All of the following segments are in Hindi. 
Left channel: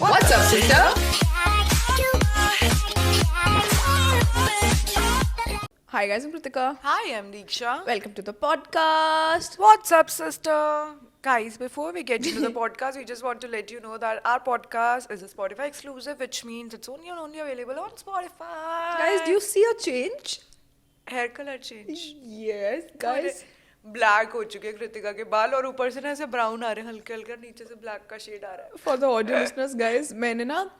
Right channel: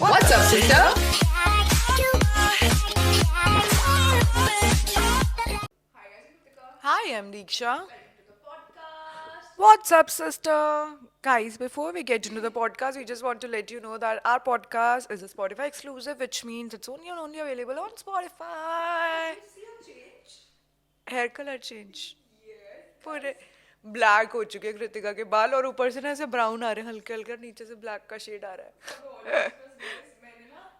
What's up, sister? Hi guys, I'm Kritika. Hi, I'm Deeksha. Welcome to the podcast. What's up, sister? Guys, before we get into the podcast, we just want to let you know that our podcast is a Spotify exclusive, which means it's only available on Spotify. Guys, do you see a change? hair color change? Yes, guys. Black हो चुके हैं कृतिका के बाल और ऊपर से ना ऐसे ब्राउन आ रहे हैं हल्के हल्के, नीचे से ब्लैक का शेड आ रहा है. For the audio listeners, guys, मैंने ना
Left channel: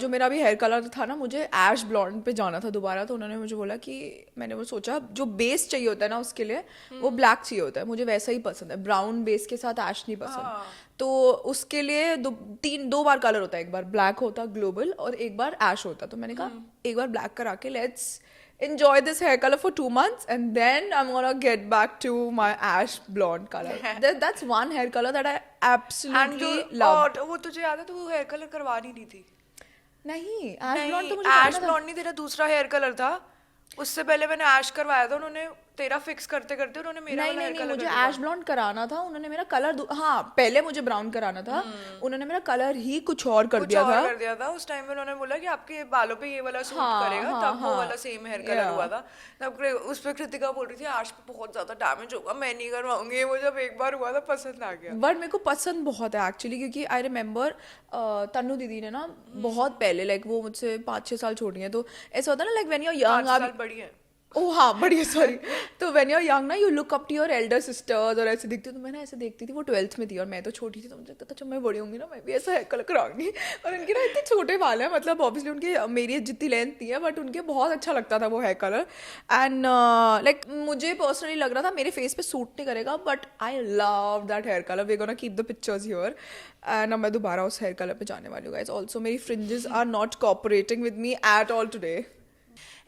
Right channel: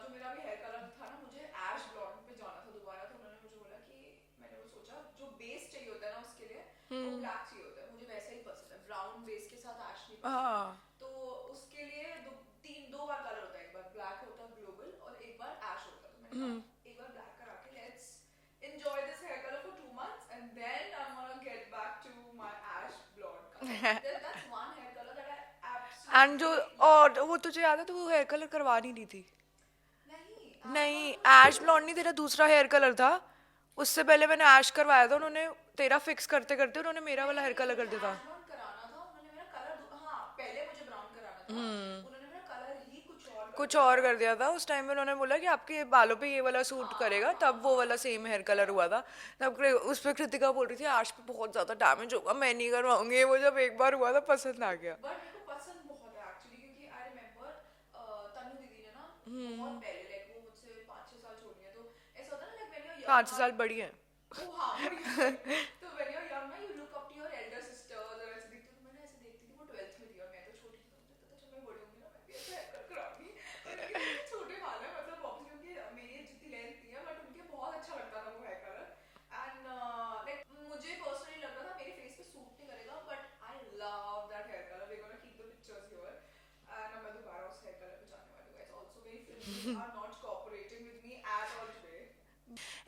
जो मेरा अभी हेयर कलर था ना, मुझे ऐश ब्लॉन्ड पे जाना था दोबारा. तो उन्होंने मुझे बोला कि मैंने वो सोचा जो बेस चाहिए होता है ना उसके लिए वो ब्लैक चाहिए होता है. मुझे वैसा ही पसंद है, ब्राउन बेस के साथ ऐश नहीं पसंद. तो उसके लिए दो बार कलर होता है. एक बार ब्लैक होता ग्लोबल और एक बार ऐश होता. तो मैंने कहा एक बार ब्लैक करा के let's enjoy this hair color for 2 months and then I'm gonna get back to my ash blonde color. That's one hair color that I absolutely love. और वो तुझे याद है, तो वो हेयर कलर करवानी नहीं थी. नहीं, ऐश ब्लॉन्ड नहीं, तेरा दूसरा हेयर कलर था. उससे पहले मैंने ऐश करवाया था. उन्होंने तेरा फिक्स करते करते उन्होंने मेरा वाला हेयर कलर कर दिया. ऐश ब्लॉन्ड कराना था, उन्होंने मेरा कलर हाँ पहले मुझे ब्राउन कराना था. उन्होंने मेरा कलर ही कुछ और कर दिया था. उस टाइम में उन्होंने बोला कि आपके बालों पे ये वाला सूट करेगा. तब वो वाला सेम हेयर कलर हुआ था. तब उस पे कृतिका बोल रही थी ऐश पे बहुत ज्यादा डैमेज होगा, मैं नहीं करवाऊंगी. वो जब एक बार हुआ था पसंद आ गया. बट मेरे को पसंद बहुत है एक्चुअली, क्योंकि आई रिमेम्बर तन्नू दीदी ने ना बहुत पहले लाइक वो मुझसे 5-6 साल छोटी है. तो ऐसा होता है ना like when you are young 5 साल बड़ी है. ओह हाँ बढ़िया सॉरी. तो व्हेन यू आर यंग ना you look up to your elder sisters और ऐसे दिखती. तो मैंने ऐसे देखती थी, वो 12th में थी और मैं तो छोटी थी. तो मुझे लगता था जब मैं बड़ी होंगी ना मैं भी ऐसा हेयर कलर कराऊंगी. और उनके ना इतने छोटे बाल हैं, मतलब ऑब्वियसली उनके मेरी जितनी लेंथ नहीं है बट उनके बहुत अच्छा लगता था वो हेयर कलर. एंड लाइक मुझे पर्सनली लग रहा था मेरे फेस पे सूट नहीं करेगा, but I love that hair colour. We gonna keep the pictures here. And अब मैं दोबारा उस हेयर कलर पे जाने वाली हूँ गाइस. ऑल्सो मेरी fringes are not cooperating with me at all today.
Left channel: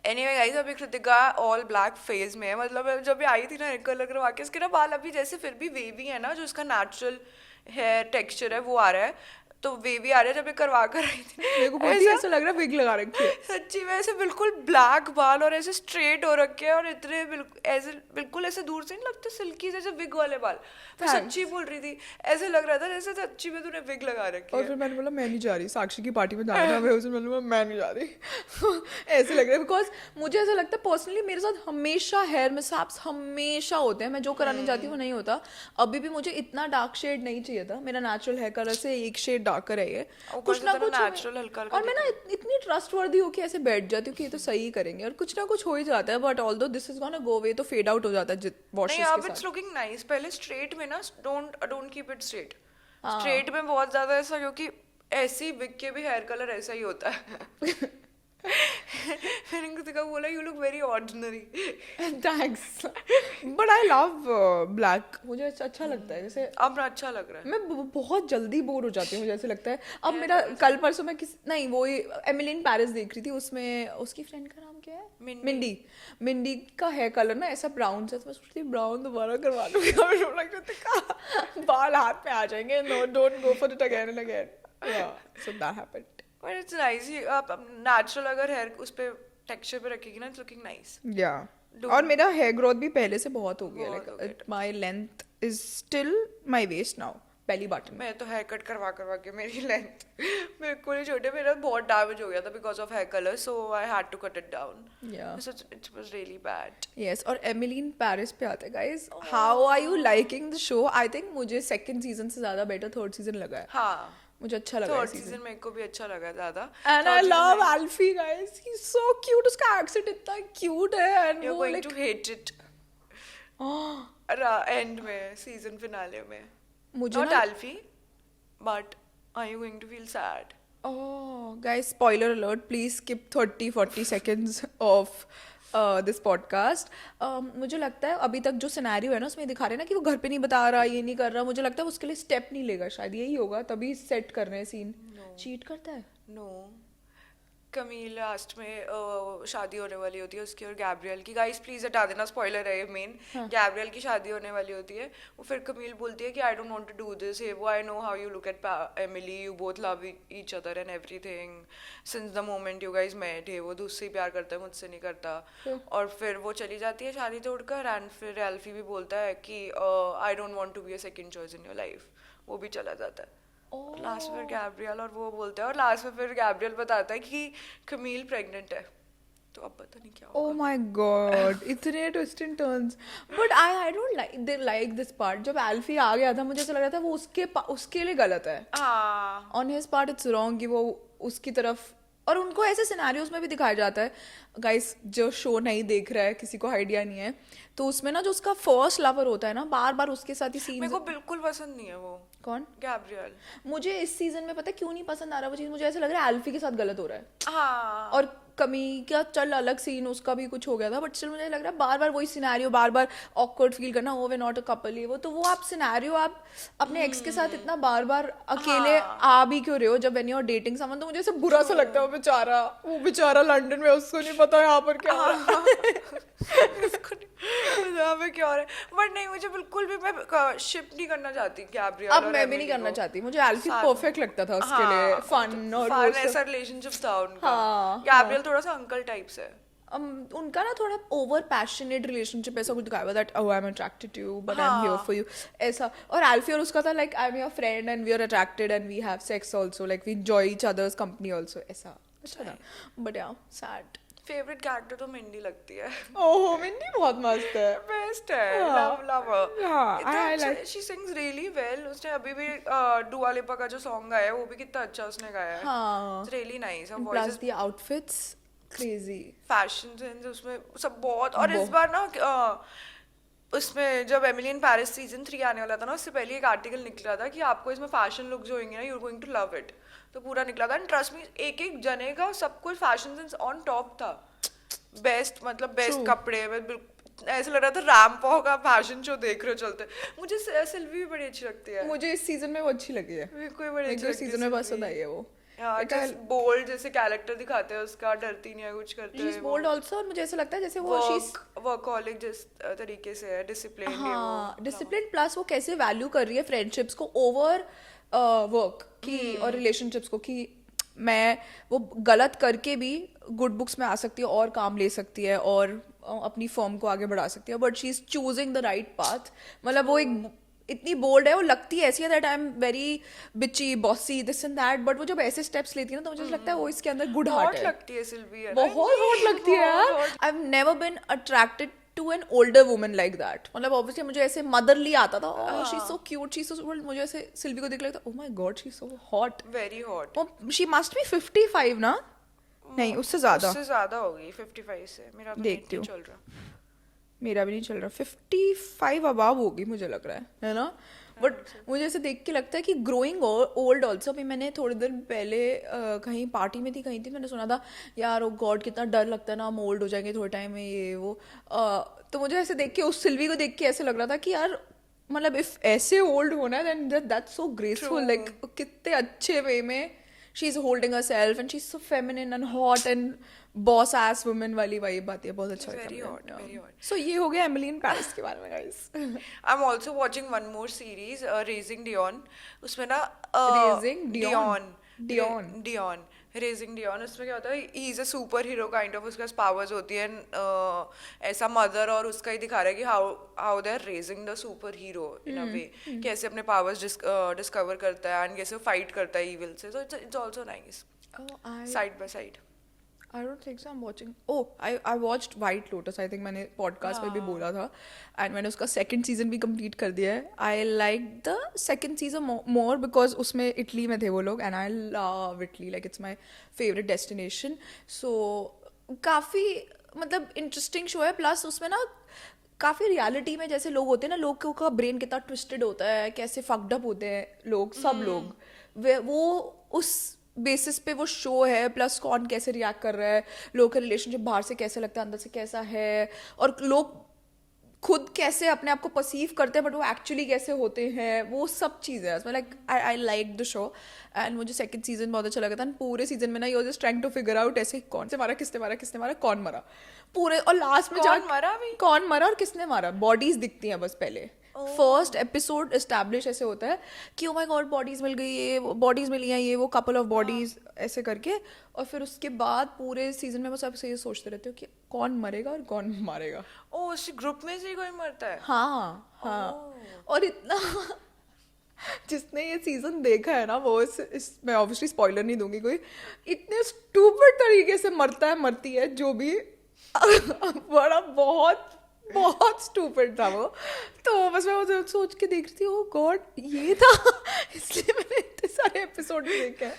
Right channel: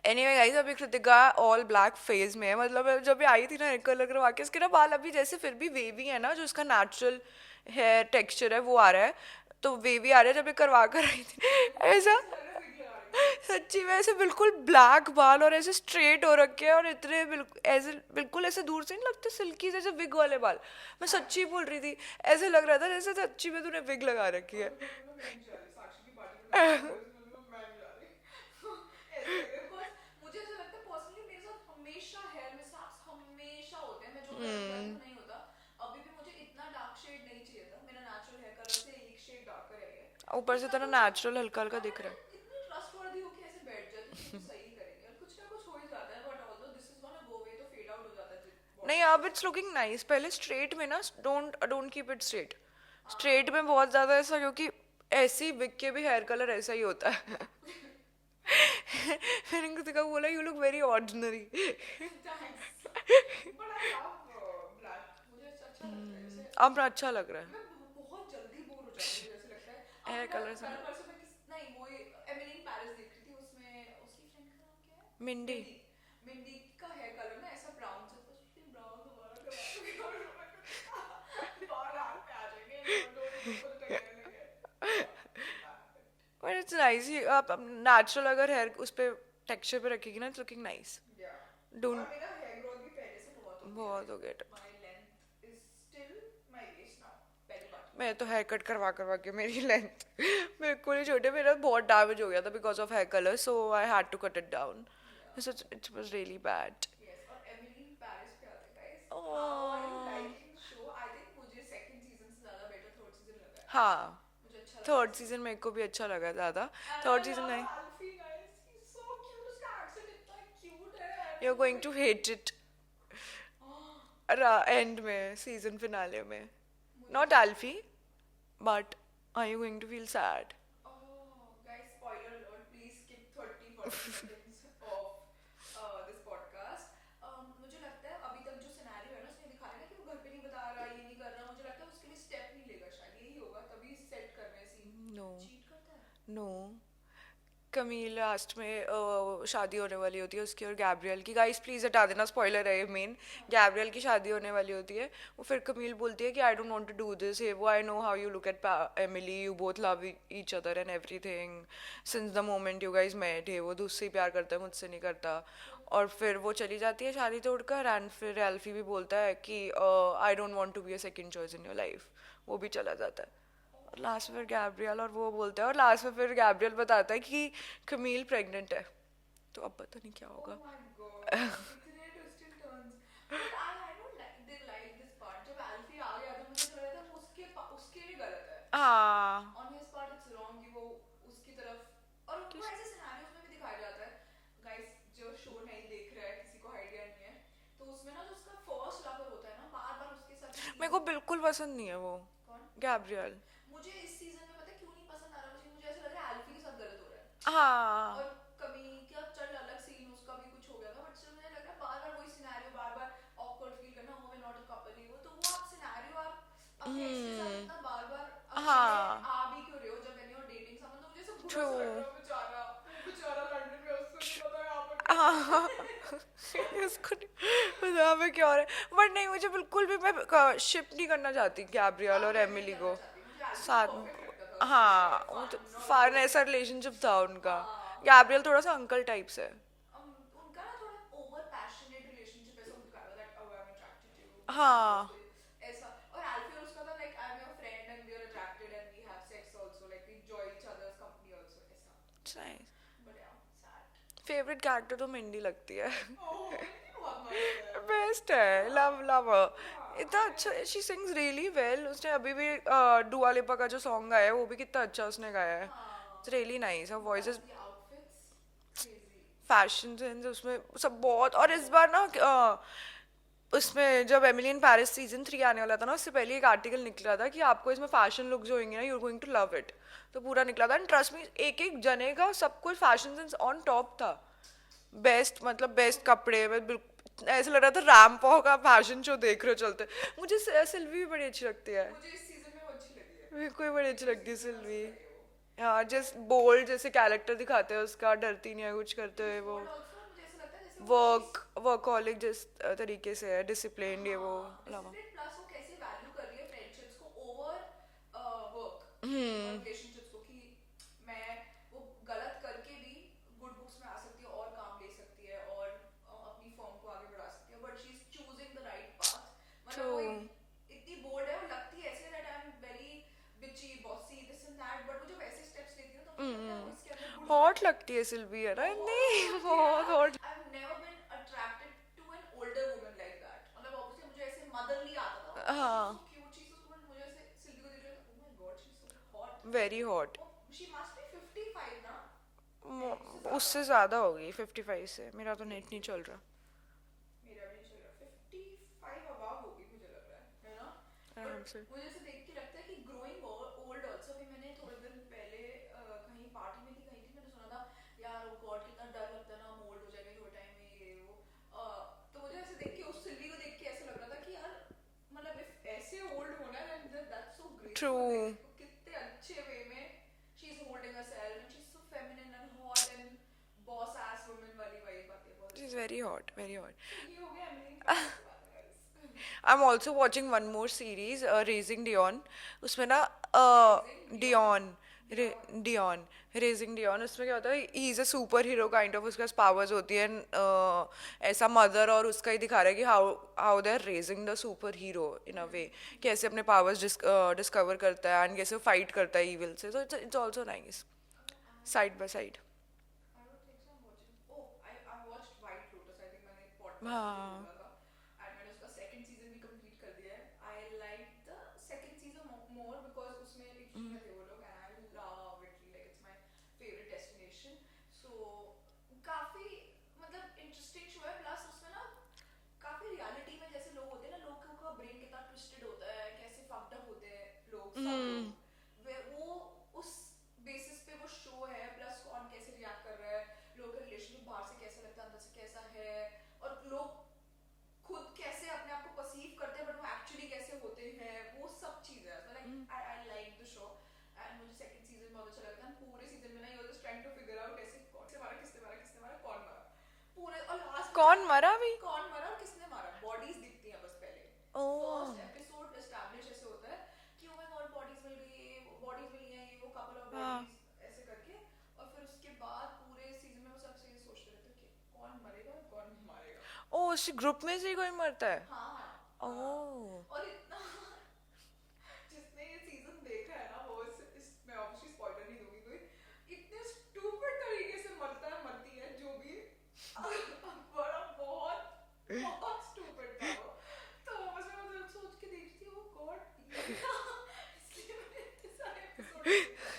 Anyway guys, अभी कृतिका ऑल ब्लैक फेज में है. मतलब जब ये आई थी ना हेयर कलर करवा के, इसके ना बाल अभी जैसे फिर भी वेवी है ना, जो इसका नेचुरल हेयर टेक्सचर है वो आ रहा है. तो वेवी आ रहा है. जब ये करवा कर आई थी ऐसा लग रहा है विग लगा रखी है. सच्ची में ऐसे बिल्कुल ब्लैक बाल और ऐसे स्ट्रेट हो रखे हैं और इतने बिल्कुल ऐसे दूर से नहीं लगते सिल्की जैसे विग वाले बाल. मैं सच्ची बोल रही थी, ऐसे लग रहा था जैसे सच्ची में तूने विग लगा रखी है. और फिर मैंने बोला मैं नहीं जा रही, साक्षी की पार्टी में जाना है. मैं नहीं जा रही. ऐसे लग रहा है बिकॉज मुझे ऐसा लगता है पर्सनली मेरे साथ हमेशा हेयर मिसहैप्स हमेशा होते हैं. मैं जो कराने जाती हूँ वो नहीं होता. अभी भी मुझे इतना डार्क शेड नहीं चाहिए था. मेरा नेचुरल हेयर कलर से एक शेड डार्कर है ये. ऊपर से तेरा नेचुरल हल्का हल्का. और मैं ना इतनी ट्रस्टवर्दी हो के ऐसे बैठ जाती हूँ कि ये तो सही करेंगे और कुछ ना कुछ हो ही जाता है. But although this is gonna go away, तो फेड आउट हो जाता है नहीं. अब इट्स लुकिंग नाइस. पहले स्ट्रेट में ना don't keep it straight. Straight में बहुत ज्यादा ऐसा, क्योंकि ऐसी विग के भी हेयर कलर ऐसा ही होता है. मैंने कृतिका को बोला you look very ordinary. Thanks. But I love black. मुझे अच्छा लगता है. जैसे अब अच्छा लग रहा है. मैं बहुत जल्दी बोर हो जाती हूँ जैसे लगता है. अब मेरा कल परसों मैं नहीं वो एमिली इन पेरिस देख रही थी. उसमें उसकी फ्रेंड का नाम क्या है, मिंडी का हेयर कलर ना ऐसा ब्राउन से. मैं सोचती ब्राउन दोबारा करवा दूंगी. बाल हाथ में आ जाएंगे. No don't go for it again and again. So that happened. But it's nice. आप नेचुरल अगर हेयर उस पे टेक्सचर पे रखेगी ना, इट्स लुकिंग नाइस. या और मेरा हेयर ग्रोथ भी पहले से बहुत हो गया. My length is still my waist now. Belly button. मैं तो हेयर कट करवा के मेरी लेंथ बिल्कुल ही छोटे. मेरा बहुत डैमेज हो गया था because of hair colour, so I had to cut it down. It was really bad. Yes. और एमिली इन पेरिस पे आता है guys. How are you liking the show? I think मुझे सेकंड सीजन से ज्यादा बेटर थर्ड सीजन लगा है. हाँ, मुझे अच्छा लगा. थर्ड सीजन मेरे को भी अच्छा लगा ज्यादा. And I love Alfie guys. He is so cute. उसका एक्सेंट इतना क्यूट है. And you are going to hate it end में, सीजन फिनाले में. Not Alfie, but are you going to feel sad? Oh, guys, spoiler alert. Please skip 30-40 seconds of this podcast. मुझे लगता है अभी तक जो सिनेरियो है ना उसमें दिखा रहे हैं ना कि वो घर पे नहीं बता रहा, ये नहीं कर रहा. मुझे लगता है उसके लिए स्टेप नहीं लेगा. शायद यही होगा, तभी सेट कर रहे हैं सीन. चीट करता है. नो. कमील लास्ट में शादी होने वाली होती है उसकी और गैब्रियल की, गाइस प्लीज हटा देना, स्पॉइलर है ये मेन। गैब्रियल की शादी होने वाली होती है, वो फिर कमील बोलती है कि I don't want to do this, ये वो, I know how you look at Emily, you both love each other and everything since the moment you guys met, वो तो उससे ही प्यार करता है, मुझसे नहीं करता। और फिर वो चली जाती है शादी तोड़कर, एंड फिर एल्फी भी बोलता है कि I don't want to be a second choice in your life, वो भी चला जाता है। लास्ट में गैब्रियल और वो बोलते हैं, और लास्ट में फिर गैब्रियल बताता है कि कमील प्रेग्नेंट है, तो अब पता नहीं क्या Oh होगा। my god, इतने twist and turns. But I don't like this part. जब एल्फी आ गया था मुझे ऐसा लग रहा था वो उसके लिए गलत है। हाँ on his part it's wrong कि वो उसकी तरफ, और उनको ऐसे सिनेरियोज में भी दिखाया जाता है। गाइस जो शो नहीं देख रहा है, किसी को आइडिया नहीं है, तो उसमें ना जो उसका फर्स्ट लवर होता है ना, बार बार उसके साथ ही मेरे सीन। को बिल्कुल पसंद नहीं है वो कौन? गैब्रियल। मुझे इस सीजन में पता है क्यों नहीं पसंद आ रहा वो चीज, मुझे ऐसा लग रहा है एल्फी के साथ गलत हो रहा है। हाँ और कमी का चल अलग सीन, उसका भी कुछ हो गया था, बट स्टिल मुझे लग रहा है बार बार वही सिनेरियो, बार बार ऑकवर्ड फील करना, ओ वे नॉट अ कपल, ये वो, तो वो आप सिनेरियो आप अपने एक्स के साथ इतना बार बार अकेले आ भी क्यों रहे हो जब when you are dating someone, तो मुझे ऐसा बुरा सा लगता है। वो बेचारा लंदन में, उसको नहीं पता यहाँ पर क्या हो रहा है। उसको नहीं क्या हो रहा है, बट नहीं मुझे बिल्कुल भी, मैं शिप नहीं करना चाहती गैब्रियल अब और मैं भी एमिली नहीं करना को चाहती, मुझे एल्फी साथ में। परफेक्ट लगता था उसके लिए, फन और फन वो ऐसा रिलेशनशिप था उनका। हाँ, गैब्रियल थोड़ा सा अंकल टाइप से है। उनका ना थोड़ा ओवर पैशनेट रिलेशनशिप ऐसा कुछ दिखाया हुआ, that oh I am attracted to you but I am here for you ऐसा। और एल्फी और उसका था like I am your friend and we are attracted and we have sex also, like we enjoy each other's company also, ऐसा। But yeah sad. Favourite character तो मिंडी लगती है। ओह मिंडी बहुत मस्त है। बेस्ट है, लव लव हाँ, इतना I अच्छा, शी सिंग्स रियली वेल। उसने अभी भी दुआ लिपा का जो सॉन्ग गाया है वो भी कितना अच्छा उसने गाया है। हाँ, इट्स रियली नाइस। और plus voice, the outfits crazy. Fashion sense उसमें सब बहुत। और इस बार ना उसमें जब एमिली इन पेरिस सीजन 3 आने वाला था ना, उससे पहले एक आर्टिकल निकला था कि आपको इसमें फैशन लुक जो होंगे ना, you are going to love it, तो पूरा निकला था। एंड ट्रस्ट मी, एक एक जने का सब कुछ फैशन सेंस ऑन टॉप था। बेस्ट, मतलब बेस्ट कपड़े में ऐसा लग रहा था रैम्पो का फैशन शो देख रहे हो चलते। मुझे सिल्वी भी बड़ी अच्छी लगती है। मुझे इस सीजन में वो अच्छी लगी है, मेरे को भी बड़ी अच्छी लगती है सीजन में पसंद आई है वो। हाँ, जैसे बोल्ड जैसे कैरेक्टर दिखाते हैं उसका, डरती नहीं है कुछ करते She's हुए bold also, और मुझे ऐसा लगता है जैसे वो वर्कहॉलिक जिस तरीके से है, डिसिप्लिन, ये वो डिसिप्लिन, प्लस वो कैसे वैल्यू कर रही है फ्रेंडशिप्स को ओवर वर्क की और रिलेशनशिप्स को, कि मैं वो गलत करके भी गुड बुक्स में आ सकती है और काम ले सकती है और अपनी फर्म को आगे बढ़ा सकती है, but she is choosing the right path. मतलब वो एक इतनी बोल्ड है, वो लगती है ऐसी है दैट आई एम वेरी बिची bossy this and that, but वो जब ऐसे स्टेप्स लेती है ना तो मुझे लगता है वो इसके अंदर गुड हार्ट हॉट है। लगती है सिल्वी, है बहुत हॉट लगती है। I have never been attracted to an older woman like that. मतलब ऑब्वियसली मुझे ऐसे मदरली आता था, she is so cute, she is so, मुझे ऐसे सिल्वी को देख लगता oh my god she is so hot, very hot. She must be 55 ना? नहीं, उससे ज्यादा होगी 55 से। मेरा तो नेट नहीं चल रहा। मेरा भी नहीं चल रहा, 55 अबाव होगी मुझे लग रहा है ना? बट मुझे ऐसे देख के लगता है कि ग्रोइंग ओल्ड ऑल्सो। अभी मैंने थोड़ी देर पहले कहीं पार्टी में थी, मैंने सुना था यार ओ गॉड कितना डर लगता है ना, हम ओल्ड हो जाएंगे थोड़े टाइम में, ये वो। तो मुझे ऐसे देख के, उस सिल्वी को देख के ऐसे लग रहा था कि यार मतलब इफ ऐसे ओल्ड होना है then that's so graceful, like कितने अच्छे वे में she is holding herself and she is so feminine and hot and boss ass women वाली वाइब आती है, बहुत अच्छा। Very hot, very hot. So ये हो गया एमिली इन पेरिस के बारे में guys. I am also watching one more series, raising Dion. उसमें ना डियॉन रेजिंग डियॉन, उसमें क्या होता है, he is a super hero kind of, उसके पास पावर्स होती है। ऐसा मदर और उसका ही दिखा रहा है कि how they are raising the superhero in a way, कैसे अपने पावर्स डिस्कवर करता है एंड कैसे फाइट करता है ईविल से। So it's also nice, side by side. I don't think so. I'm watching. Oh, I watched White Lotus. I think मैंने podcast में भी बोला था, and मैंने उसका second season भी complete कर दिया है. I like the second season more because उसमें इटली में थे वो लोग, and I love Italy. Like it's my favorite destination. So काफी मतलब interesting show है. Plus उसमें ना काफ़ी रियलिटी में जैसे लोग होते हैं ना, लोगों का ब्रेन कितना ट्विस्टेड होता है, कैसे फक्ड अप होते हैं लोग, सब लोग, वो उस बेसिस पे वो शो है। प्लस कौन कैसे रिएक्ट कर रहा है, लोग का रिलेशनशिप बाहर से कैसे लगता है, अंदर से कैसा है, और लोग खुद कैसे अपने आप को परसीव करते हैं बट वो एक्चुअली कैसे होते हैं, वो सब चीज़ें हैं like I like the show. And मुझे सेकंड सीजन बहुत अच्छा लगा था. पूरे सीजन में ना you just trying to figure out ऐसे कौन से मारा, किसने मारा, किसने मारा, कौन मरा पूरे. और लास्ट में कौन मरा भी? कौन मरा और किसने मारा, बॉडीज दिखती हैं बस पहले. फर्स्ट एपिसोड एस्टैब्लिश ऐसे होता है कि ओ माय गॉड बॉडीज मिल गई, ये बॉडीज मिली हैं, ये वो कपल ऑफ बॉडीज ऐसे करके. और फिर उसके बाद पूरे सीजन में बस आप ये सोचते रहते हो कि कौन मरेगा और कौन मारेगा. ओ उस ग्रुप में से ही कोई मरता है? हाँ हाँ. और इतना जिसने ये सीजन देखा है ना वो मैं ऑब्वियसली स्पॉइलर नहीं दूंगी कोई, इतने स्टूपिड तरीके से मरता है मरती है जो भी बड़ा बहुत बहुत स्टूपिड था वो. तो बस मैं वो सोच के देख रही थी ओ गॉड ये था इसलिए मैंने इतने सारे एपिसोड देखे हैं.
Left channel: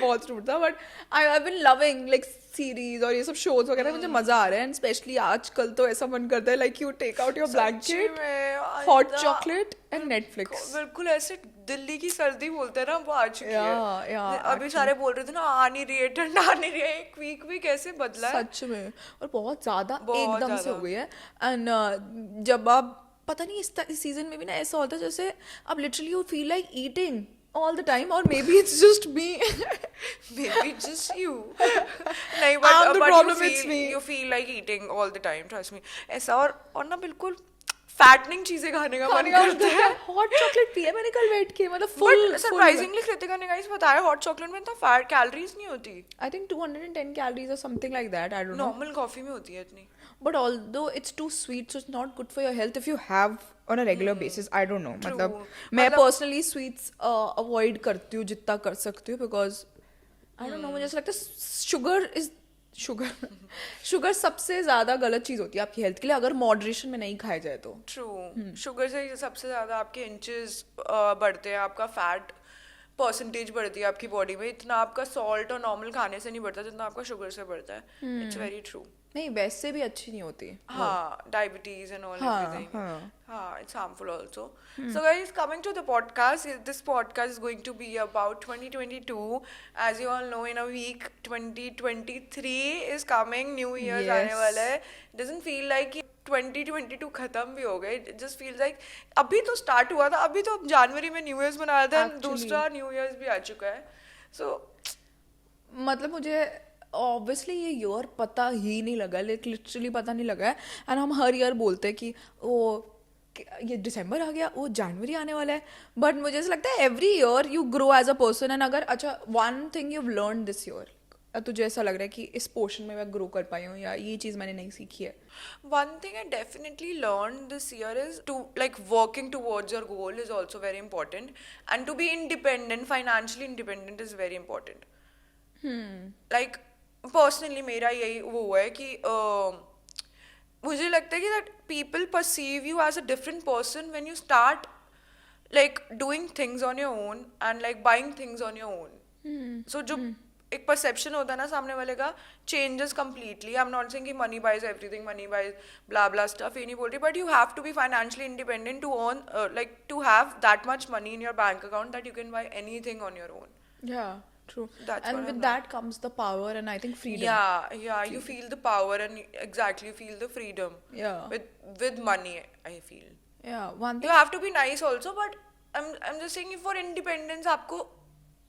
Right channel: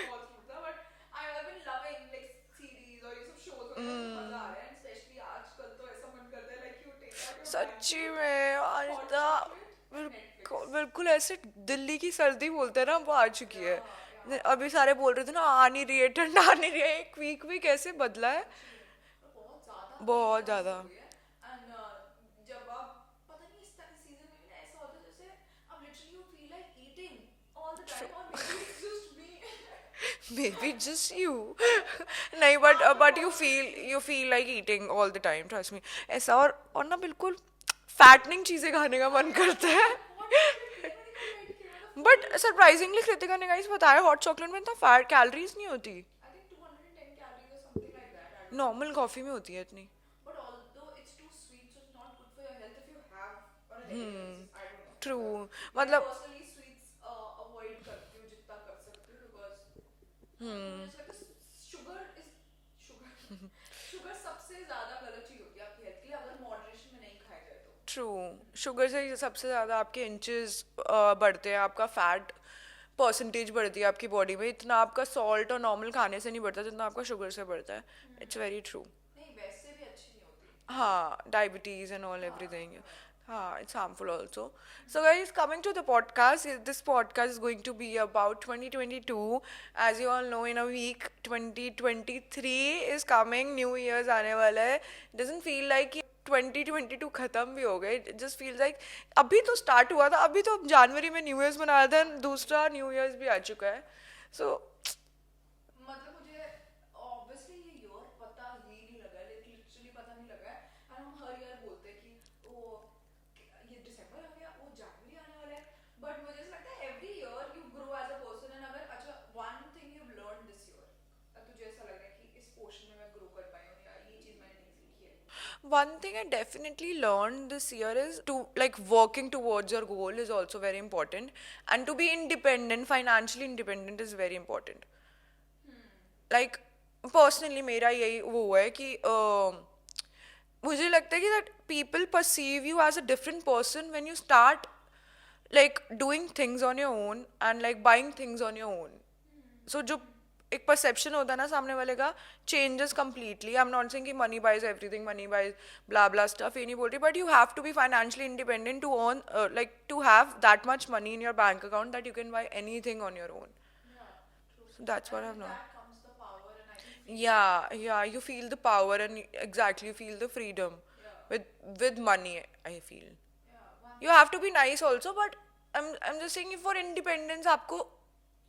बहुत स्टूपिड था but I been loving like series और ये सब शोज वगैरह. मुझे मजा आ रहा है एंड स्पेशली आजकल तो ऐसा मन करता है like you take out your blanket, hot chocolate and Netflix. बिल्कुल ऐसे दिल्ली की सर्दी बोलते हैं ना वो आ चुकी है. अभी सारे बोल रहे थे ना आ नहीं रही है, ठंड आ नहीं रही है. एक वीक कैसे बदला है सच में. और बहुत ज्यादा बहुत एकदम से ज्यादा. हो गई है. एंड जब आप पता नहीं इस सीजन में भी ना ऐसा होता है जैसे अब literally you feel like eating all the time or maybe it's just me. maybe just you. नहीं but you feel like eating all the time, trust me. ऐसा और ना बिल्कुल फैटनिंग चीजें खाने का मन करता है. हॉट चॉकलेट पिया मैंने कल बैठ के मतलब फुल. बट सरप्राइजिंगली कृतिका ने गाइस बताया हॉट चॉकलेट में इतना फैट कैलोरीज नहीं होती. I think 210 calories or something like that. I don't know. Normal coffee में होती है इतनी. But although it's too sweet, so it's not good for your health if you have on a regular basis. I don't know. True. मैं personally sweets avoid करती हूँ जितना कर सकती हूँ because I don't know, मुझे ऐसा लगता है शुगर सबसे ज्यादा गलत चीज होती है आपकी हेल्थ के लिए अगर मॉडरेशन में नहीं खाया जाए तो. ट्रू. शुगर से सबसे ज्यादा आपके इंचेस बढ़ते हैं, आपका फैट परसेंटेज बढ़ती है आपकी बॉडी में. इतना आपका सॉल्ट और नॉर्मल खाने से नहीं बढ़ता जितना आपका शुगर से बढ़ता है. It's very true. नहीं वैसे भी अच्छी नहीं होती. हाँ डायबिटीज एंड ऑल एवरीथिंग. हाँ it's harmful also. So guys, coming to the podcast, this podcast is going to be about 2022. As you all know, in a week 2023 is coming. New Year's आने वाला है. Doesn't feel like 2022 खत्म भी हो गए. It just feels like अभी तो स्टार्ट हुआ था, अभी तो जनवरी में न्यू ईयर्स मनाया था, दूसरा न्यू ईयर्स भी आ चुका है. So मतलब मुझे ऑब्वियसली ये ईयर पता ही नहीं लगा, लिटरली पता नहीं लगा है. एंड हम हर ईयर बोलते हैं कि ओ ये दिसंबर आ गया, वो जनवरी आने वाला है. बट मुझे ऐसा लगता है every year you grow as a person. And अगर अच्छा one thing you learn this year, तुझे ऐसा लग रहा है कि इस पोर्शन में मैं ग्रो कर पाई हूँ या ये चीज़ मैंने नहीं सीखी है. one thing I definitely learned this year is to like working towards your goal is also very important, and to be independent, financially independent is very important. Like personally मेरा यही वो है कि मुझे लगता है कि that people perceive you as a different person when you start like doing things on your own and like buying things on your own. So जो एक परसेप्शन होता है ना सामने वाले का changes completely. I am not saying कि money buys everything, money buys blah blah stuff, ये नहीं बोल रही. But you have to be financially independent to earn like to have that much money in your bank account that you can buy anything on your own. Yeah, true. That's And what with I'm that comes the power and I think freedom. Yeah, you feel the power and exactly you feel the freedom. Yeah. With money, I feel. Yeah, one You have to be nice also, but I'm just saying for independence, आपको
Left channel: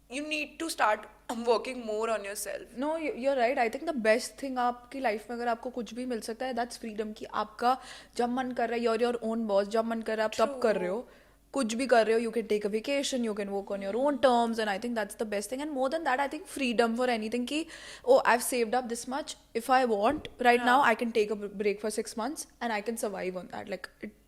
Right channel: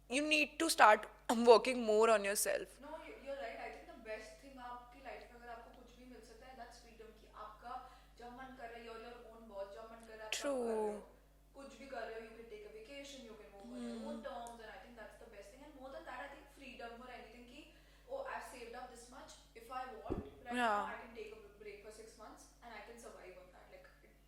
you need to start working more on yourself. No, you're right. I think the best thing आपकी लाइफ में अगर आपको कुछ भी मिल सकता है that's freedom. कि आपका जब मन कर रहा है you're your own boss, जब मन कर रहा है आप तब कर रहे हो, कुछ भी कर रहे हो, you can take a vacation, you can work on your own terms, and I think that's the best thing. And more than that, I think freedom for anything कि oh I've saved up this much, if I want right now I can take a break for 6 months and I can survive on that. Like it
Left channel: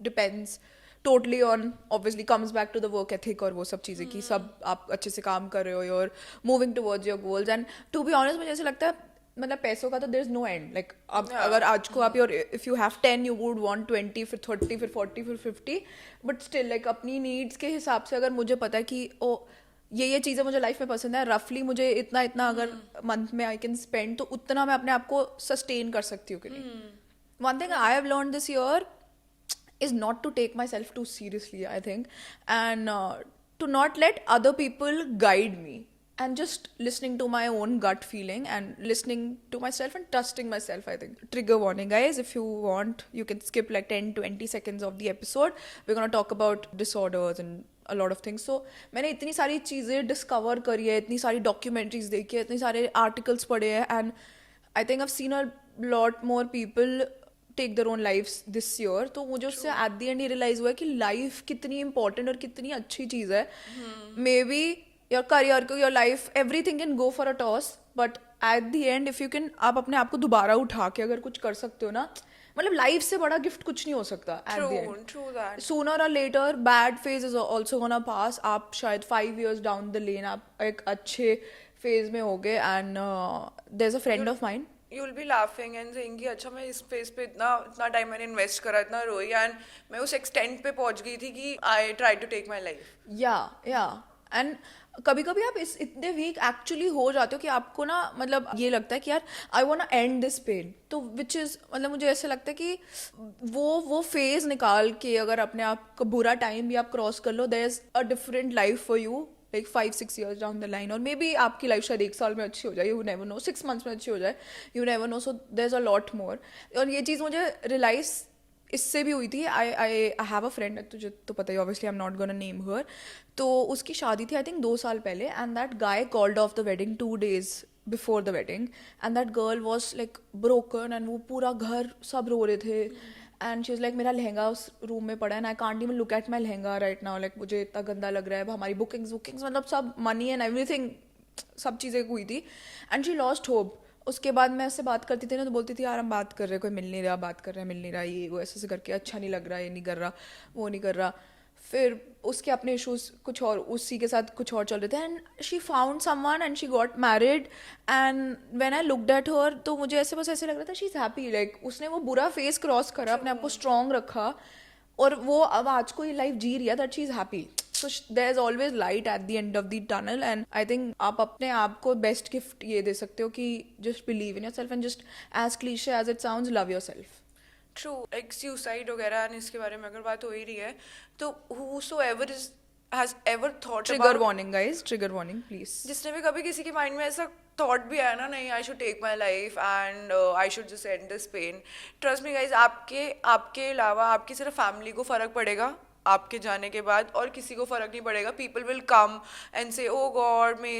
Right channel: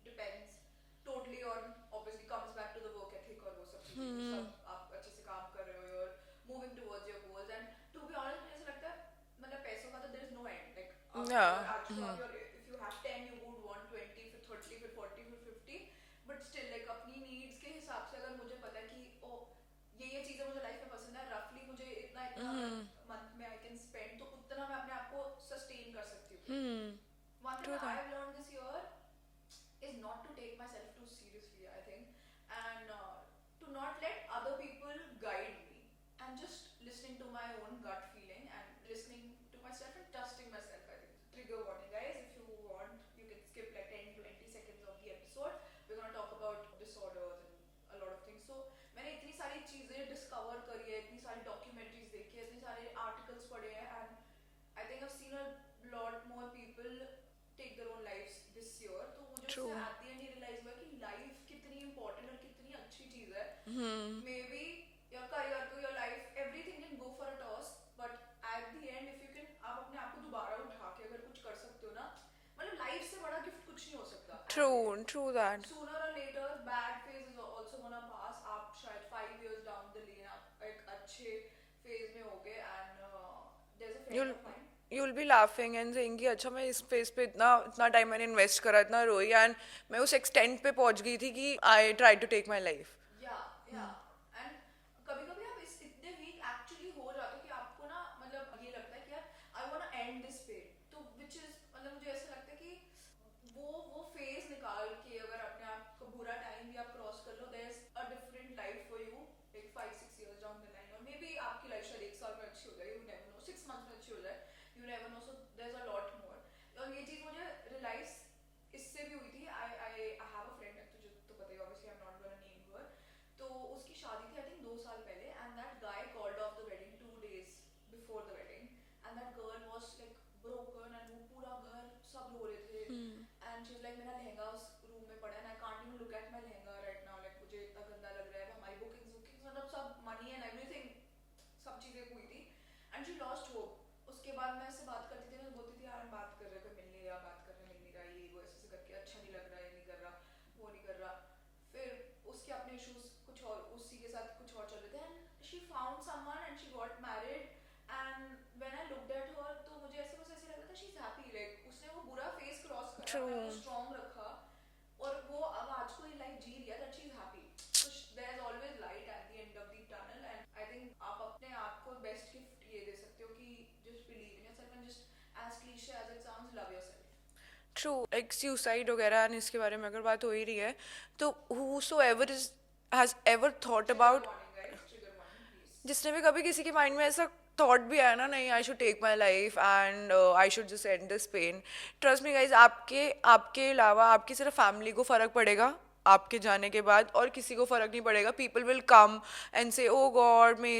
depends totally on, obviously comes back to the work ethic और वो सब चीज़ें कि सब आप अच्छे से काम कर रहे हो, you're moving towards your goals. And to be honest मुझे ऐसा लगता है मतलब पैसों का तो there is no end. Like अब अगर आज को आप your if you have 10 you would want 20 फिर 30 फिर 40 फिर 50. बट स्टिल लाइक अपनी नीड्स के हिसाब से अगर मुझे पता है कि ओ ये चीज़ें मुझे लाइफ में पसंद है, रफली मुझे इतना अगर मंथ में आई कैन स्पेंड तो उतना मैं अपने आप को सस्टेन कर सकती हूँ. One thing I have learn this year is not to take myself too seriously, I think, and to not let other people guide me. and just listening to my own gut feeling and listening to myself and trusting myself, I think. Trigger warning, guys. If you want, you can skip like 10-20 seconds of the episode. We're going to talk about disorders and a lot of things. So मैंने इतनी सारी चीज़ें डिस्कवर करी है, इतनी सारी डॉक्यूमेंट्रीज देखी है, इतने सारे आर्टिकल्स पढ़े हैं, and I think I've seen a lot more people take their own lives this year. तो मुझे उससे at the end ये realize हुआ है कि लाइफ कितनी इंपॉर्टेंट और कितनी अच्छी चीज़ है. मे बी योर करियर को, your life, everything can go for a toss, but at the end if you can, आप अपने आप को दोबारा उठा के अगर कुछ कर सकते हो ना, मतलब लाइफ से बड़ा गिफ्ट कुछ नहीं हो सकता. True that. Sooner or later bad phase is also gonna pass. आप शायद 5 years down the lane आप एक अच्छे फेज में होगे. And there's a friend of mine. You'll be laughing and saying कि अच्छा मैं इस फेज पे इतना टाइम मैंने इन्वेस्ट करा, इतना रोई, एंड मैं उस एक्सटेंट पे पहुंच गई थी कि I try to take my life. Yeah and कभी कभी आप इस इतने वीक एक्चुअली हो जाते हो कि आपको ना, मतलब ये लगता है कि यार I want to end this pain. तो विच इज़, मतलब मुझे ऐसे लगता है कि वो फेज निकाल के अगर अपने आप का बुरा टाइम भी आप क्रॉस कर लो, there is a different life for you like 5-6 years down the line. और मे बी आपकी लाइफ शायद 1 साल में अच्छी हो जाए, यू नेवर नो. 6 months में अच्छी हो जाए, you never know. So there is a lot more. और ये चीज़ मुझे रियलाइज इससे भी हुई थी. आई हैव अ फ्रेंड, तुझे तो पता ही, obviously I am not gonna name her. तो उसकी शादी थी आई थिंक 2 साल पहले, and that guy called off the wedding 2 days before the wedding, and that girl was like broken, and वो पूरा घर सब रो रहे थे. एंड शी वाज लाइक मेरा लहंगा उस रूम में पड़ा है, and I can't even look at my lehenga right now, like मुझे इतना गंदा लग रहा है. हमारी बुकिंग्स मतलब सब मनी एंड एवरीथिंग, सब चीज़ें हुई थी. And she lost hope. उसके बाद मैं उससे बात करती थी ना, तो बोलती थी यार हम बात कर रहे हैं, कोई मिल नहीं रहा, बात कर रहे हैं, मिल नहीं रहा, ये वो ऐसे करके, अच्छा नहीं लग रहा, ये नहीं कर रहा, वो नहीं कर रहा. फिर उसके अपने इश्यूज कुछ और, उसी के साथ कुछ और चल रहे थे. And she found someone and she got married. And when I looked at her, तो मुझे ऐसे बस ऐसे लग रहा था शी इज़ हैप्पी. लाइक उसने वो बुरा फेस क्रॉस करा, अपने आप को स्ट्रॉन्ग रखा, और वो अब आज को ये लाइफ जी रही है, that she is happy. So there is always light at the end of the tunnel, and I think आप अपने आप को बेस्ट गिफ्ट ये दे सकते हो कि just believe in yourself and just as cliche as it sounds, love yourself. True. एक सुसाइड वगैरह एंड इसके बारे में अगर बात हो ही रही है, तो whosoever has ever thought Trigger about, warning guys, trigger warning please. जिसने भी कभी किसी के माइंड में ऐसा थॉट भी आया ना, नहीं I should take my life and I should just end this pain, trust me guys, आपके अलावा आपकी सिर्फ फैमिली को फ़र्क पड़ेगा आपके जाने के बाद, और किसी को फ़र्क नहीं पड़ेगा. पीपल विल कम एंड से ओ God may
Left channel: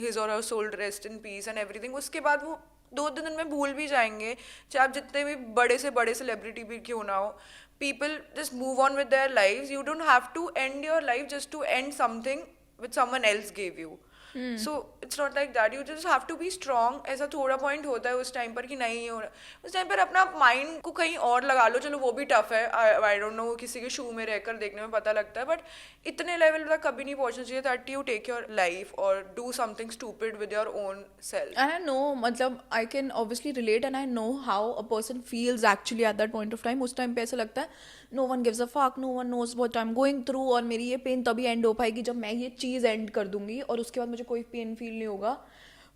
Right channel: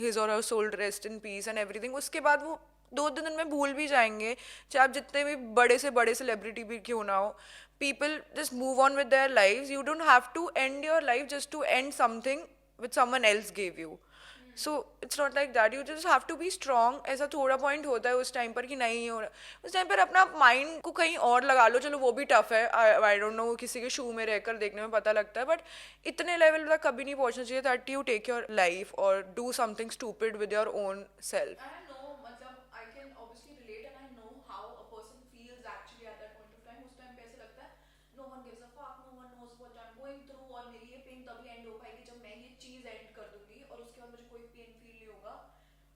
his or her soul rest in peace and everything. उसके बाद वो 2 दिन में भूल भी जाएंगे, चाहे आप जितने भी बड़े से बड़े सेलिब्रिटी भी क्यों ना हो. People just move on with their lives. You don't have to end your life just to end something which someone else gave you. So it's not like that. You just have to be strong. ऐसा थोड़ा पॉइंट होता है उस टाइम पर कि नहीं हो रहा, उस टाइम पर अपना माइंड को कहीं और लगा लो. चलो वो भी टफ है, आई डोंट नो, किसी के शू में रहकर देखने में पता लगता है, बट इतने लेवल तक कभी नहीं पहुंचना चाहिए that you take your life or do something stupid with your own self. And I know, मतलब I can obviously relate and I know how a person feels actually at that point of time. उस टाइम पे ऐसा लगता है no one gives a fuck, no one knows what I'm going through, और मेरी ये पेन तभी एंड हो पाएगी जब मैं ये चीज़ एंड कर दूंगी, और उसके बाद मुझे कोई पेन फील नहीं होगा.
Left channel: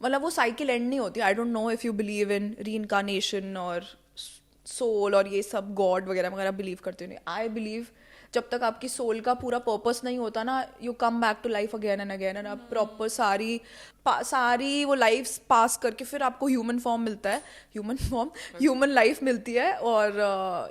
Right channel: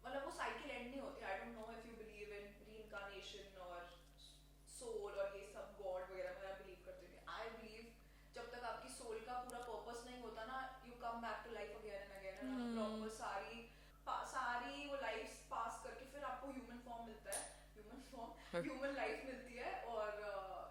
मतलब वो साइकिल एंड नहीं होती. I don't know if you believe in reincarnation or soul और ये सब गॉड वगैरह वगैरह बिलीव करते हो. नहीं, आई बिलीव जब तक आपकी सोल का पूरा पर्पस नहीं होता ना, you come back to life again and again, and आप प्रॉपर सारी वो लाइफ पास करके फिर आपको ह्यूमन फॉर्म मिलता है, ह्यूमन लाइफ मिलती है. और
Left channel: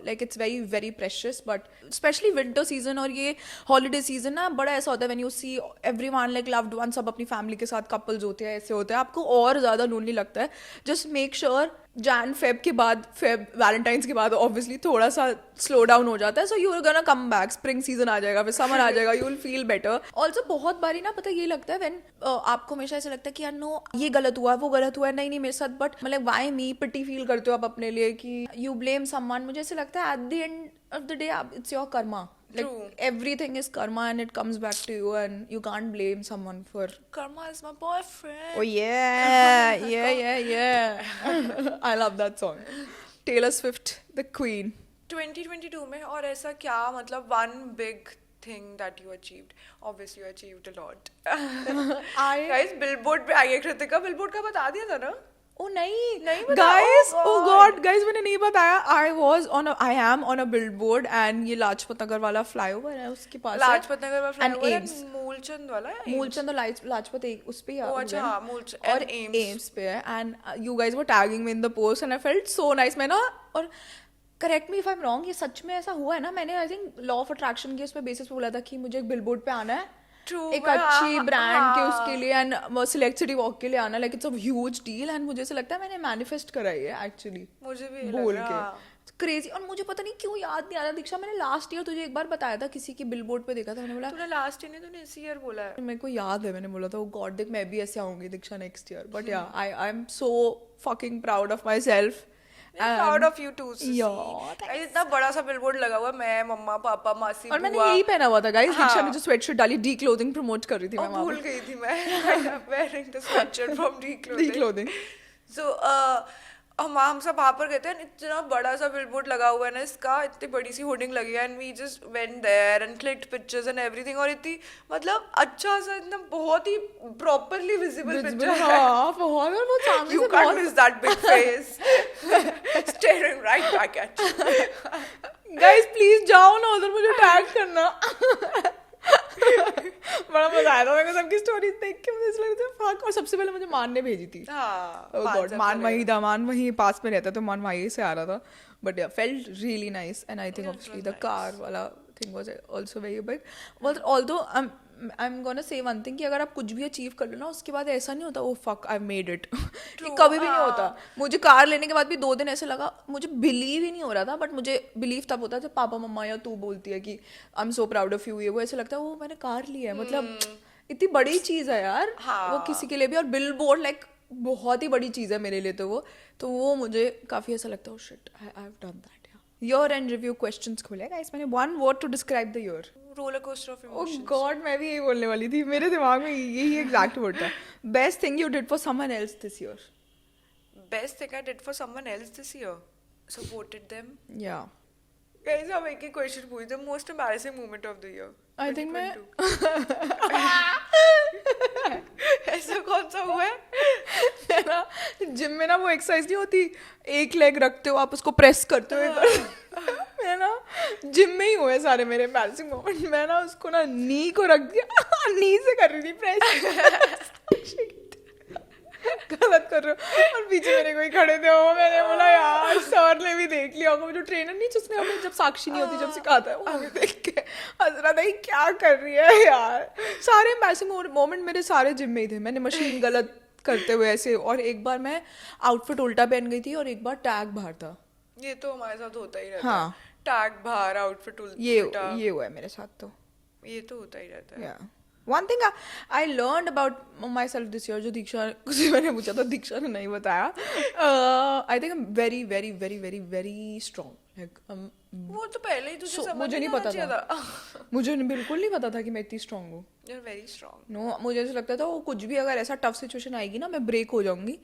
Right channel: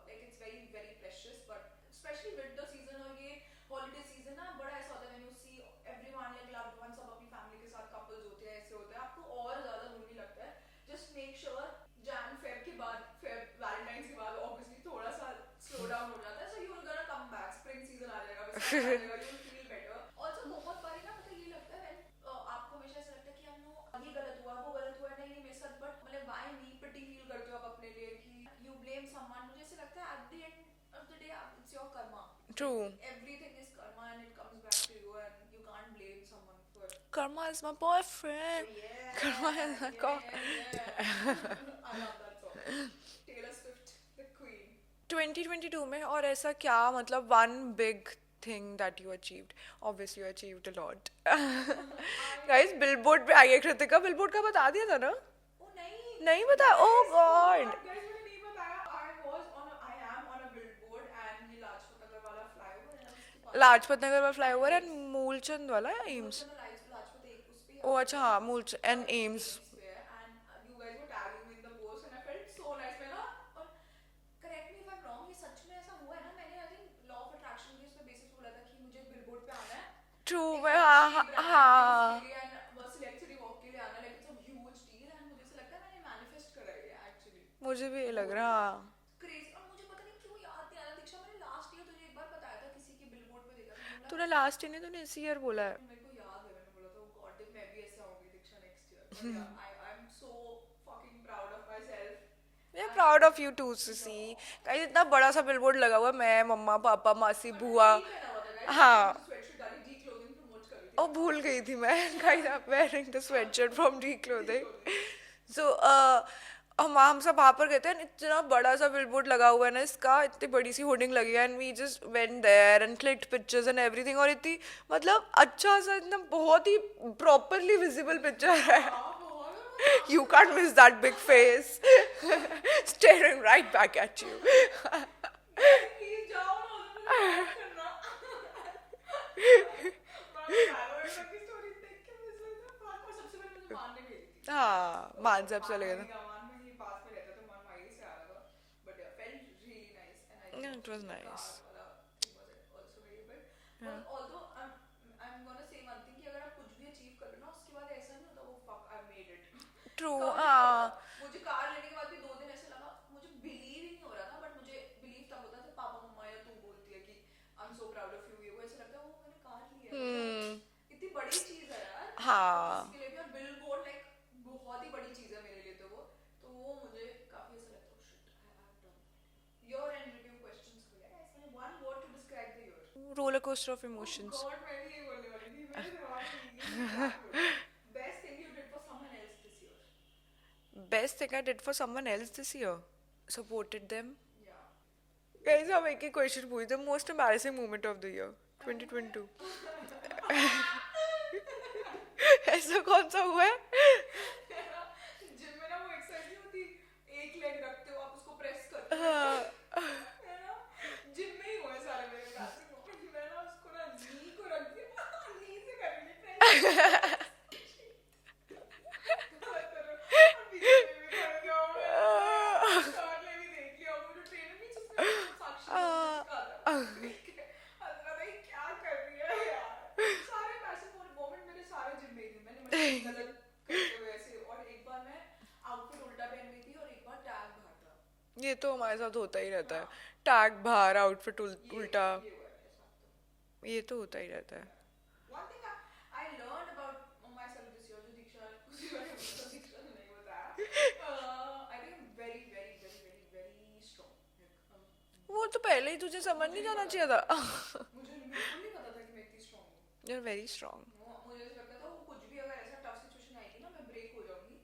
like it's very very precious. But specially winter season और ये हॉलीडे सीजन ना, बड़ा ऐसा होता है when you see everyone like loved one, सब अपनी फैमिली के साथ कपल्स होते हैं, ऐसे होता है, आपको और ज़्यादा लोनली लगता है. जस्ट मेक श्योर Jan-Feb के बाद, वैलेंटाइंस के बाद ऑब्वियसली थोड़ा सा स्लो डाउन हो जाता है. So you are gonna come back, spring season आ जाएगा, फिर समर आ जाएगा, you will feel better. Also बहुत बारी ना, पता ये लगता है व्हेन आपको हमेशा ऐसा लगता है कि यार नो ये गलत हुआ, वो गलत हुआ, नहीं मेरे साथ, बट मतलब वाई मी, पिटी फील करते हो आप अपने लिए कि यू ब्लेम समवन. मुझे ऐसा लगता है at the end of the day it's your karma. True. Everything is karma and it comes back to you, and you can't blame someone for Karma is my boyfriend. Oh yeah. I love that song. Taylor Swift, the queen. 2022 में और ऐसा क्या, मतलब one big thing that you achieved? Obviously you achieved a lot. Guys, Billboard पे आई है कृतिका. Billboard का बता दिया था ना? ओ नहीं नहीं बताया? गाइस, Oh ओ God. गॉड गाइस, मैंने नहीं बताया, I am on a billboard and ये लाजपत नगर वाला फ्लाईओवर है उसके पास है। लाजपत नगर वाला फ्लाईओवर एम्स। एंड मूलचंद वाला या मूलचंद और लाजपत एक उस पे ओ अच्छा, हाँ, मूलचंद और and एम्स। एम्स पे है, and you guys were tagging me in the post and I felt so nice. मैं ना, और correct me if I am wrong, ये सच में ऐसा हुआ है ना? मैंने I think law of attraction के उस पे बेसिस पे बोला था कि मुझे एक बिलबोर्ड पे आना है True, एक हाँ, अच्छी हाँ, ब्रांड के हाँ। उसके लिए एंड सिलेक्ट सिटी वॉक के लिए आना, like it's a huge deal, and मुझे ऐसा लगता है मैंने मैनिफेस्ट करा है एक्चुअली, मुझे भी ये लग बोल रहा। के क्रेजी। और मुझे पता नहीं क्यों याद नहीं आ रहा दीक्षा, मैंने लास्ट ईयर तुझे एक बार बताया था, किसी की बिलबोर्ड पे देखा था, मैंने बोला तूने लास्ट ईयर नहीं, तूने इसी ईयर बोला है। मेरे को याद है, मैंने बोला था, गॉड देख मैं भी ऐसे आऊंगी दीक्षा next year, but yeah I am so fucking proud of myself. Proud of you too see. Yeah, guys इतना बड़ा सा बिलबोर्ड लगा हुआ है, मैं, मम्मा, पापा, मासी, और मैंने बुआ। यही पहना हुआ था गाइस, हाँ। दीक्षा ने जो स्वेटशर्ट डाली, डी क्लोथिंग प्रमोट कर रही थी और मैं वहाँ भूल गई थी मैं wearing the sweatshirt from पे। Declothing. Declothing। So हम सब वहाँ पर गए थे, इतना बड़ा सा बिलबोर्ड लगा हुआ है ना इसका, इतनी बड़ी सी होर्डिंग लगी है, and we just went there and clicked pictures and everything, और इतनी मतलब अच्छा सा, इतना बहुत ही प्रॉपरली विजिबल पिक्चर है। हाँ, बहुत, और वो सामने You से can't बहुत- miss that big face staring right back at you. Guys please जाओ ना उधर, मुझे टैग करना। बड़ा मजा आया था मेरे को सबकी स्टोरीज देख के, मुझे ऐसा लग रहा था फक। और सबसे पहले मुझे मान ने भेजी थी। हाँ, Oh मान God, सबसे मान वहीं लगेगा। था, मान वहीं पास में रहता, तो मान वहीं से आ रहा था, बट या felt really nice, and I think Yeah, it obviously was the nice. car वाला thing was also very big, but although I'm gonna say one thing कि अगर आप कुछ भी अचीव कर लो ना, उसके बाद ऐसा नहीं होता, oh fuck I made it। True, कभी भी नहीं हाँ। होता। मुझे कार लेने के बाद भी 2 दिन ऐसे लगा, मुझे बिलीव ही नहीं हो रहा था, बट मुझे बिलीव तब होता है जब पापा मम्मा या तू बोलती है कि आई am so proud of you, ये वो, ऐसे लगता है वो मैंने कार ली है, मतलब इतनी बड़ी चीज है यार। हाँ। वो किसी के लिए भी, और बिल बोर्ड लाइक बहुत ही बड़ी चीज है मेरे लिए, तो वो मुझे काफी ऐसा लगता है, oh shit I have done that। Year end review questions खोले गाइस मैंने, one word to describe the year. Roller coaster of oh emotions. God, मैं भी यही बोलने वाली थी, मेरे दिमाग में यही एग्जैक्ट वर्ड था। Best thing you did for someone else this year. Best thing I did for someone else this year, supported them. या Guys, हम एक ही क्वेश्चन पूछ, the most embarrassing moment of the year I think 2022। ऐसा कौन सा हुआ है? जिम में ना वो एक्सरसाइज नहीं होती, एक लेग रखते हो आप, उसको प्रेस करते हो, मैं ना जिम में ही हुए सारे मेरे एम्बैरेसिंग मोमेंट। मैं ना उसको ना नी को रख दिया, नी से कर रही थी प्रेस, गलत कर रहे हो, और पीछे मेरे कोई खड़े थे, वो मैंने बोला यार सर ने भी देख लिया होगा, वो जो ट्रेनर नहीं जिसने हमें जब साक्षी नहीं होती जब सिखाता है, वो मुझे देख के हंस रहा था, ये क्या कर रही है यार। सारे एम्बैरेसिंग मोमेंट मेरे सारे जिम में ही थे, मैंने मशीन गलत करते हुए ऐसे, और एक बार मैं आउटफिट उल्टा पहन गई थी, और एक बार टैग बाहर था। ये तो हमारे साथ होता ही रहता हाँ। है, टैग बाहर, आउटफिट ये उल्टा, ये हुआ है मेरे साथ तो। ये तो होता ही रहता है। Yeah. One thing I learned about myself this year, जो दीक्षा से मैंने पूछा था, दीक्षा ने नहीं बताया, I think I'm very very very very very strong, like वो तो पहले ही तुझे समझ मुझे नहीं नहीं आना पता चाहिए था। मुझे बिल्कुल नहीं पता था कि मैं इतनी स्ट्रांग हूँ। You're very strong. नो मुझे ऐसा लगता था वो कुछ भी अगर ऐसा टफ सिचुएशन आएगी ना, मैं ब्रेक हो जाऊंगी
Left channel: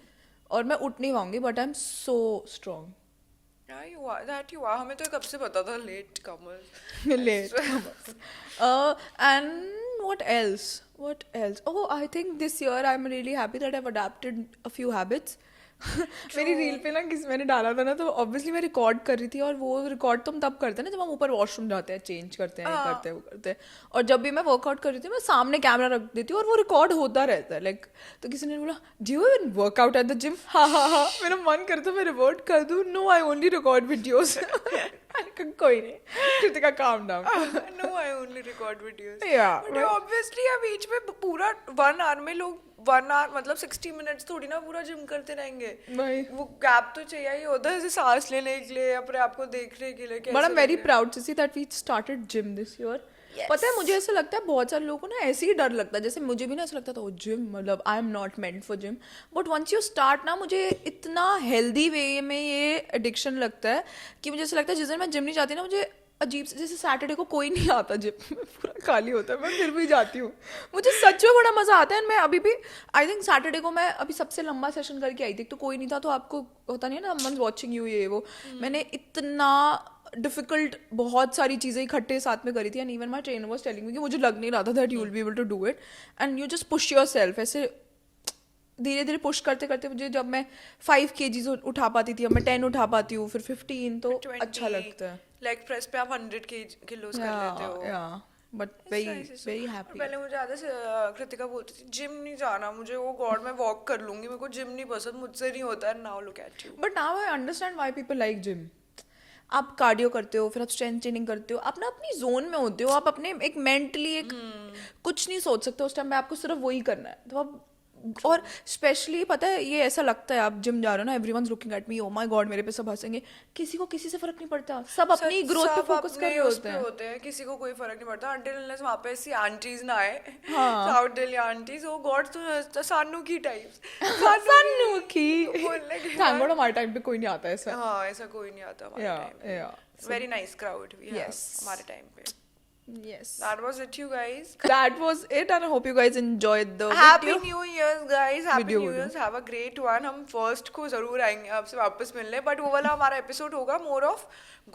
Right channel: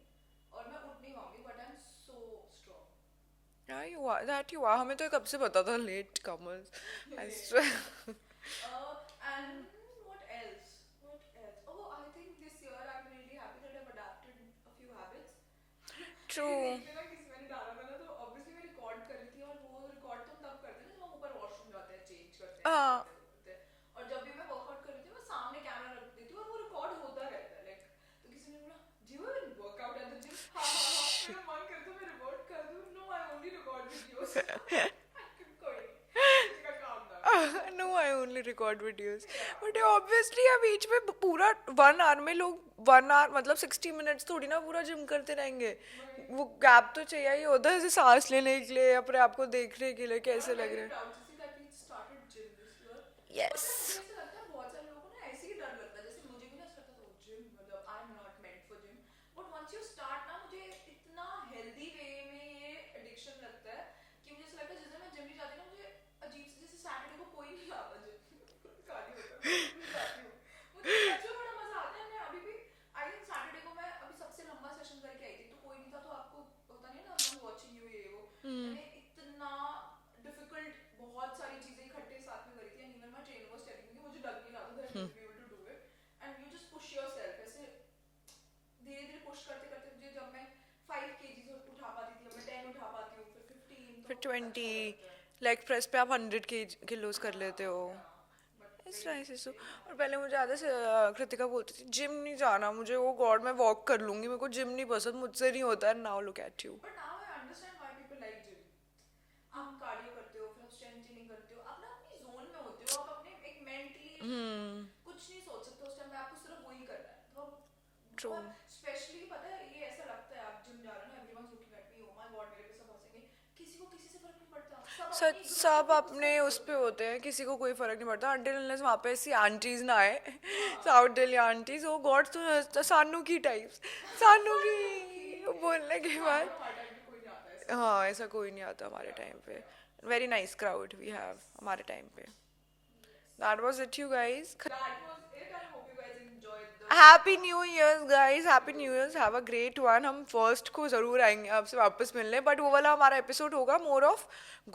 और मैं उठ नहीं पाऊंगी, but I am so strong. Yeah, you are. That you are. हमें तो कब से पता था, late comers. Late. And what else? What else? Oh, I think this year I'm really happy that I've adapted a few habits. मेरी रील पे ना मैंने डाला था ना, तो ऑब्वियसली मैं रिकॉर्ड कर रही थी, और वो रिकॉर्ड तो हम तब करते हैं ना जब हम ऊपर वॉशरूम जाते हैं, चेंज करते हैं, करते हैं, वो करते हैं। और जब भी मैं वर्कआउट कर रही थी, मैं सामने कैमरा रख देती हूँ और वो रिकॉर्ड होता रहता है, लाइक तो किसी ने बोला do you even workout at the gym? हाँ हाँ हाँ, मेरा मन करता मैं रिवर्ट कर दूँ, no I only record videos. कोई नहीं, Kritika calm down. No, I only record videos. Yeah. But obviously यार बीच में पूरा 1 hour में लोग 1 hour मतलब 60 minutes थोड़ी ना पूरा जिम करते रहेंगे। भाई वो गैप तो चाहिए ही होता है, जैसे सांस लेने के लिए, अपने आप को देखने के लिए कैसे बट आई एम वेरी लग रहा proud to see that we started gym this year. Yes. पता है मुझे ऐसा लगता है बहुत सारे लोगों को ना ऐसे ही डर लगता है, जैसे मुझे भी ना ऐसा लगता था वो जिम मतलब I am not meant for gym, but once you start ना, मुझे इतना हेल्दी वे में ये एडिक्शन लगता है कि मुझे ऐसा लगता है जिस दिन मैं जिम नहीं जाती ना, मुझे अजीब से, जैसे सैटरडे को कोई नहीं आता जिम, पूरा खाली होता है, मैं फिर भी जाती हूँ, मुझे सच में बड़ा मजा आता है। मैं अभी भी आई थिंक सैटरडे को मैं अभी सबसे लंबा सेशन करके आई थी, तो कोई नहीं था, तो आपको होता नहीं है ना मन वॉचिंग यू ये वो, मैंने इतना डिफिकल्ट बहुत सारी चीज़ें इकट्ठे साथ में करी थी, and even my trainer was telling me कि मुझे लग नहीं रहा था that you will be able to do it, and you just push yourself, ऐसे धीरे धीरे पुश करते करते मुझे जब मैं 5 kgs उठा पाती थी, अब मैं 10 उठा पाती हूँ, फिर 15, तो अच्छा लगता है। लेग प्रेस पे आप 100 किलोज कर लेते हो। But It's very nice, it's very so- और हैप्पी। पहले मुझे आधा से कृतिका बोलती थी जिम नहीं जाना मुझे, वो गॉड मैं वॉक कर लूंगी, मेरे को जिम नहीं पसंद, मुझसे नहीं होता है। Now look at you. But now I understand why people like gym. आप कार्डियो करते हो, फिर आप स्ट्रेंथ ट्रेनिंग करते हो, आप ना अपनी जोन में होते हो, आप अपने एक मेंटली एक कुछ नहीं सोच सकते उस टाइम पे, आपको सिर्फ वही करना है। तो आप और स्पेशली पता है ये ऐसा लगता है आप जिम जा रहे हो ना, everyone's looking at me, oh my God मेरे पे सब हंसेंगे, किसी को किसी से फर्क नहीं पड़ता, सब अपनी ग्रोथ पे सब फोकस कर अपने रहे उस होते पे हैं। होते हैं, किसी को कोई फर्क नहीं पड़ता until unless वहाँ पे ऐसी आंटीज ना आए, हाँ। साउथ दिल्ली आंटीज, ओ गॉड तो सानू की टाइप्स, सानू की बोलने के थैंक बाद गॉड हमारे टाइम पे कोई नहीं आता ऐसा। हाँ ऐसा कोई नहीं आता हमारे Yeah, टाइम पे। yeah. Very nice crowd we have Yes. हमारे टाइम पे। Yes. That was it, you guys. That was it, and I hope you guys enjoyed the Happy video. New Year's, guys. Happy Video, New video. Year's. Have a great one. हम फर्स्ट को जरूर आएंगे आपसे वापस मिलने, बट वो वाला हमारा एपिसोड होगा more of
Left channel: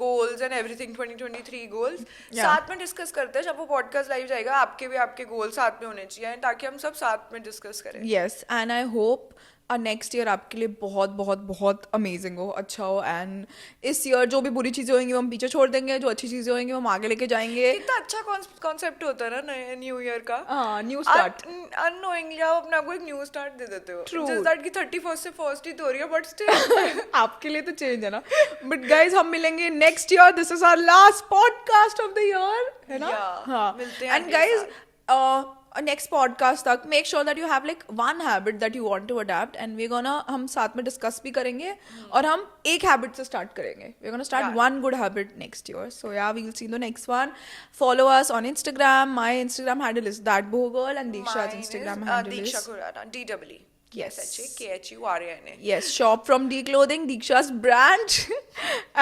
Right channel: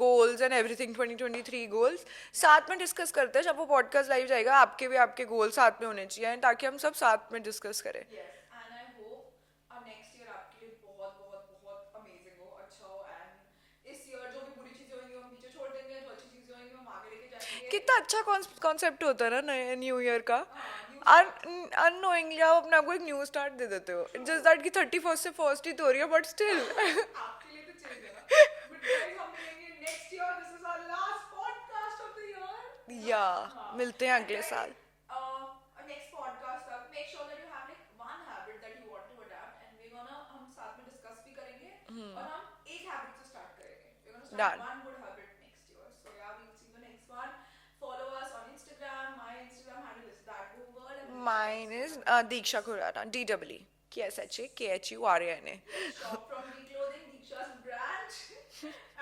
goals and everything 2023 goals. साथ में डिस्कस करते हैं, जब वो पॉडकास्ट लाइव जाएगा आपके भी आपके गोल साथ में होने चाहिए ताकि हम सब साथ में डिस्कस करें। Yes, and I hope next year आपके लिए बहुत बहुत बहुत अमेजिंग हो, अच्छा हो। एंड इस ईयर जो भी बुरी चीज़ें होंगी वो हम पीछे छोड़ देंगे, जो अच्छी चीज़ें होंगी वो हम आगे लेके जाएंगे। कितना अच्छा कॉन्सेप्ट होता है ना नए न्यू ईयर का। New start. अननोइंगली आप अपने आपको एक न्यू स्टार्ट दे देते हो, True. जस्ट दैट कि 31st से फर्स्ट ही तो हो रही है, बट स्टिल आपके लिए तो चेंज है ना। बट गाइज हम मिलेंगे next year, this is our last podcast of the year, है ना? Yeah, हाँ, मिलते हैं एंड अगले गाइज नेक्स्ट पॉडकास्ट तक make sure that you have like one habit that you want to adapt, and we gonna हम साथ में डिस्कस भी करेंगे, और हम एक हैबिट से स्टार्ट करेंगे। We gonna start Yeah. one good habit next year. So yeah, we will see you in the next one. Follow us on Instagram. My Instagram handle is thatbogirl, and Diksha's Mine is Instagram handle Diksha is Khurana, DWE. Yes. KHURANA. yes, shop from D Clothing, Diksha's brand.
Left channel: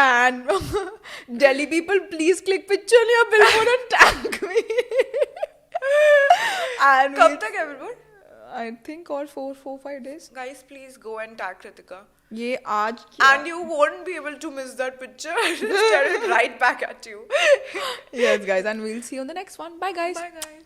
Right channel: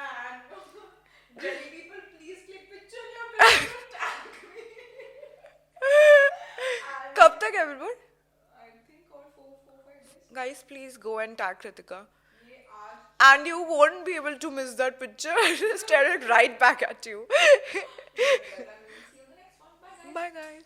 And Delhi people, please click picture on your billboard and tag me. And कब तक है बिल्कुल? I think और 4-5 days. Guys, please go and tag Kritika. ये आज And you won't be able to miss that picture. Stare it right back at you. yes guys, and we'll see you on the next one. Bye guys. Bye guys.